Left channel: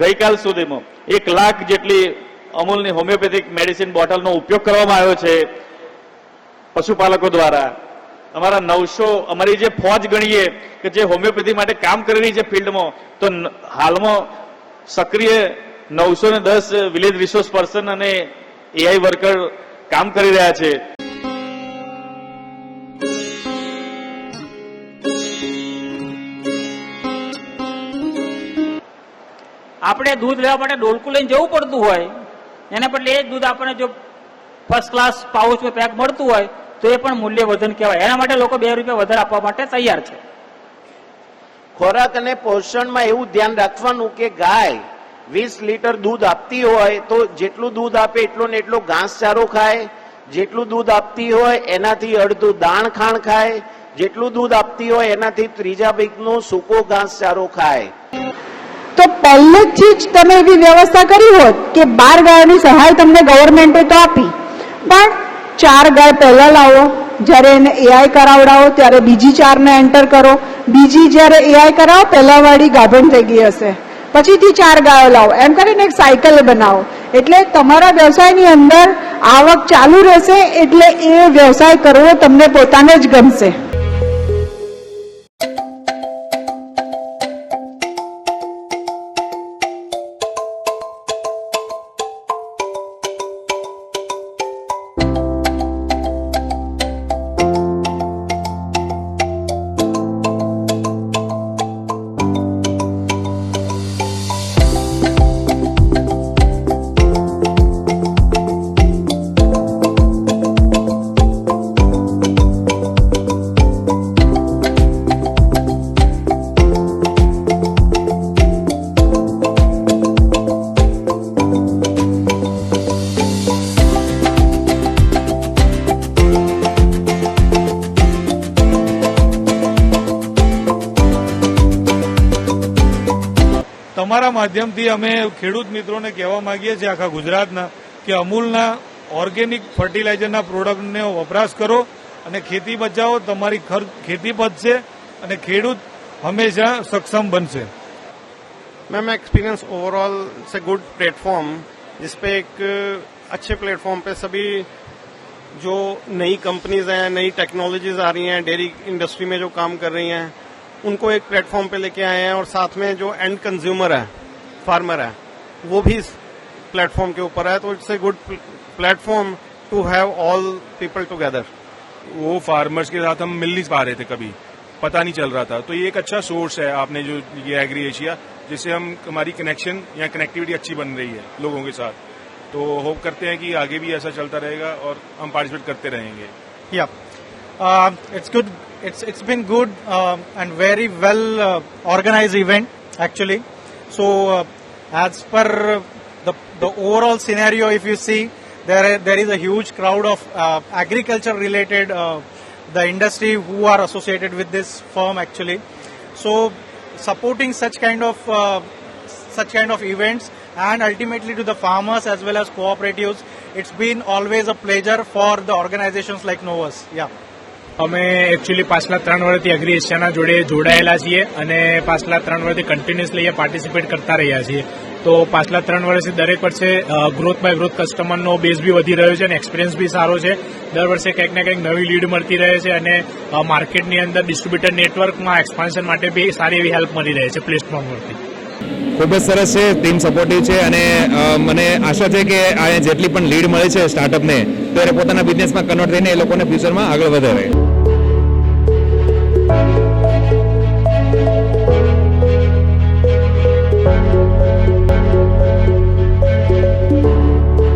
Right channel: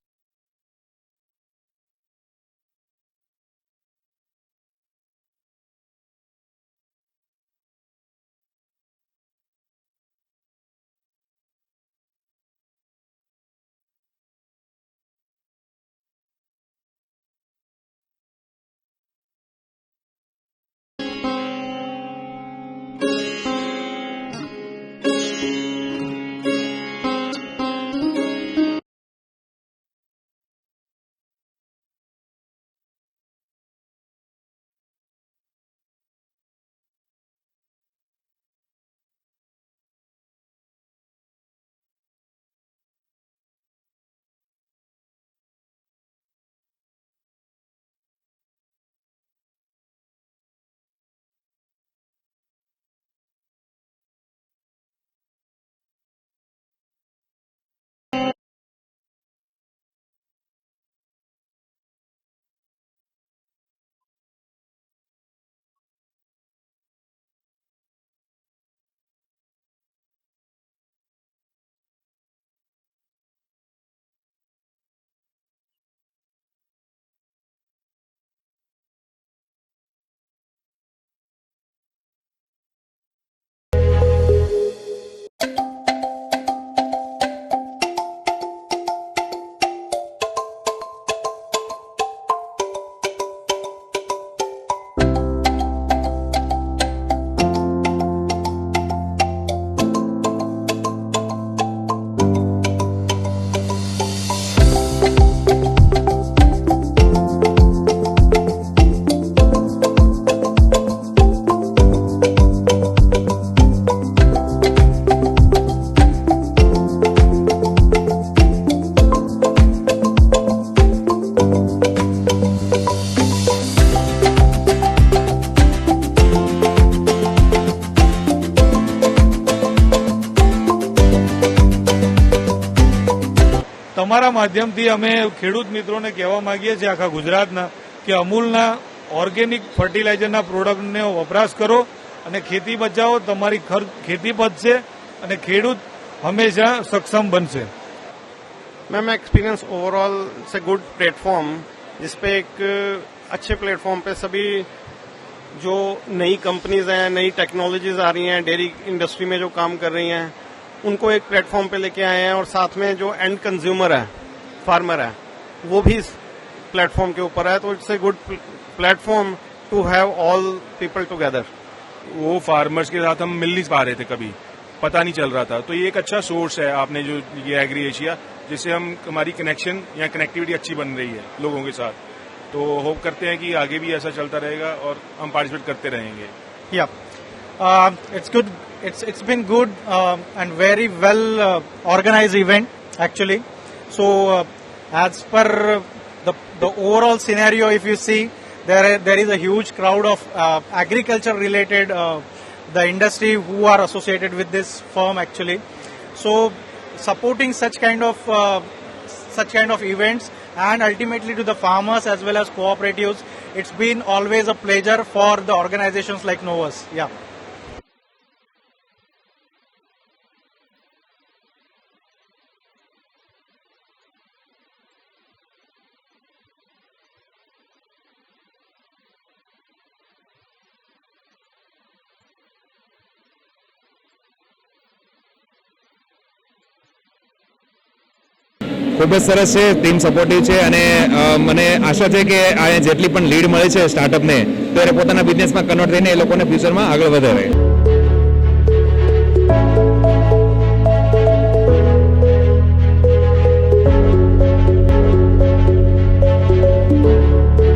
ગઈકાલ સુધીમાં 1 લાખ જેટલી અમૂલની હોમિયોપેથિક મેડિસિન બોટલનો ઉપયોગ કરવામાં આવ્યો છે પશુપાલકો દ્વારા। અમારા 900 અમારી જે ફોજ ગણીએ કે જે હોમિયોપેથી માટે કામ કરી રહી છે ફિલ્ડમાં, તો હાલમાં સક્રિય 910 વિલેજ રિસોર્સ પર્સન અને એઆઈ વર્કર કામ કરી રહ્યા છે। આપણે દૂધ લેવા માટે ડોલકું લઈને જવું પડતું હોય, એના બદલે એ જ દૂધ આપણને જો ફર્સ્ટ ક્લાસ પાઉચમાં પેક મળતું હોય તો એ પણ મૂલ્યવર્ધન કહેવાય। એના માટે લોકો 2 રૂપિયા વધારે આપવા માટે તૈયાર છે। ખોરાક અને પોષણમાં એવું ધ્યાન રાખવાનું કે ગાય 20 લીટર દૂધ આપતી હોય તો જેટલું દૂધ આપે એટલો ને એટલો ઘાસચારો ખાય, જેટલું દૂધ આપતી હોય એનાથી અડધું દાણ ખાણ ખાય, જેટલું દૂધ આપતી હોય એનાથી 3 ભાગનો સૂકો ઘાસચારો ખાય। તો પહેલેથી જ તમે એવી વ્યવસ્થા કરી હોત કે 12 ગાયોની સહાય તમને ગવર્મેન્ટે તો આપી, પણ 4 ગાય પહેલા લાવો, જ્યારે એને એઆઈ કરાવડાવો ત્યારે બીજી 4 ને એન્ટર કરો, બીજી જ્યારે એઆઈ કરાવો પહેલા વાળી ગાભણ થઈ ગઈ હશે, પછીથી 4 ગાયો લાવો, એમ કરીને એક સાયકલ બનાવો। એટલે તમારા વ્યવસાયની અંદર આવક ચાલુ રહેશે, એટલે એ વ્યવસાય કરવો તમને પોતાને જ ગમશે। તમારા માધ્યમથી અમે ખેડૂત મિત્રોને કહેવા માંગીએ છીએ આખા ગુજરાતના કે અમૂલના ઓર્ગેનિક ફર્ટિલાઇઝરના પ્રોડક્ટનો વપરાશ કરો અને ખેતી બચાવો, તમારી ખેતી બચશે અને ખેડૂત હંમેશા સક્ષમ બનશે। मैम एक्सपीरियंस ओवरऑल से गुड प्लेटफॉर्म, जिसपे एक अच्छे प्लेटफॉर्म पे सभी जो नई कंपनीज हैं, नई टेक्नोलॉजीज आ रही हैं, डेयरी इंडस्ट्री में जो काम कर रही हैं, उनको एक प्लेटफॉर्म पे लेके आए हैं और साथ में जो एंड कंज्यूमर है, फार्मर है, वो भी इस प्लेटफॉर्म के ऊपर है। तो it's a good platform to have all people together. वो फार्मर्स के साथ हम मिल नहीं पा रहे थे, कभी पता नहीं चल रहा था, तो ये एक अच्छा सोर्स है आपने जो ये एग्री एशिया, जिससे हमारी कनेक्शन या कनेक्टिविटी अच्छी बन रही है लोगों के साथ। तो होप करते हैं कि आगे भी ऐसा चलता रहेगा और हम पार्टिसिपेट करते रहेंगे। या It's good. It's been good and very well organized event actually. So as per the overall scenario, if you see, there is a huge crowd of agriculture related the industry who are associated with this firm actually. So supporting such kind of events and ultimately to the farmers as well as cooperatives, it's been always a pleasure for the organizations like Novus. Yeah. અમે actually પાછલા 3 વર્ષથી agri એશિયાના જોડે જોડાયેલા છીએ અને પાછલા 3 વર્ષથી કન્ટિન્યુઅસલી અહીંયા પાર્ટિસિપેટ કરતા રહ્યા છીએ. તો પાછલા 3 વર્ષથી દરેક વર્ષે ગ્રોથ બાય ગ્રોથ કસ્ટમરનો બેઝ બી વધી રહ્યો છે અને એક્સપિરિયન્સ બી સારો છે. દર વર્ષે કંઈક ને કંઈક નવી લીડ મળતી રહે છે અને માર્કેટની અંદર ડિસ્ટ્રીબ્યુટર નેટવર્કમાં એક્સપાન્શન માટે બી સારી એવી હેલ્પ મળી રહે છે પ્લેટફોર્મ પરથી. ખૂબ જ સરસ છે, ટીમ સપોર્ટિવ છે અને મને આશા છે કે આ જેટલી પણ લીડ મળે છે સ્ટાર્ટઅપને તો એને પોતાના બિઝનેસમાં કન્વર્ટ થઈને એ લોકોને ફ્યુચરમાં આગળ વધારે.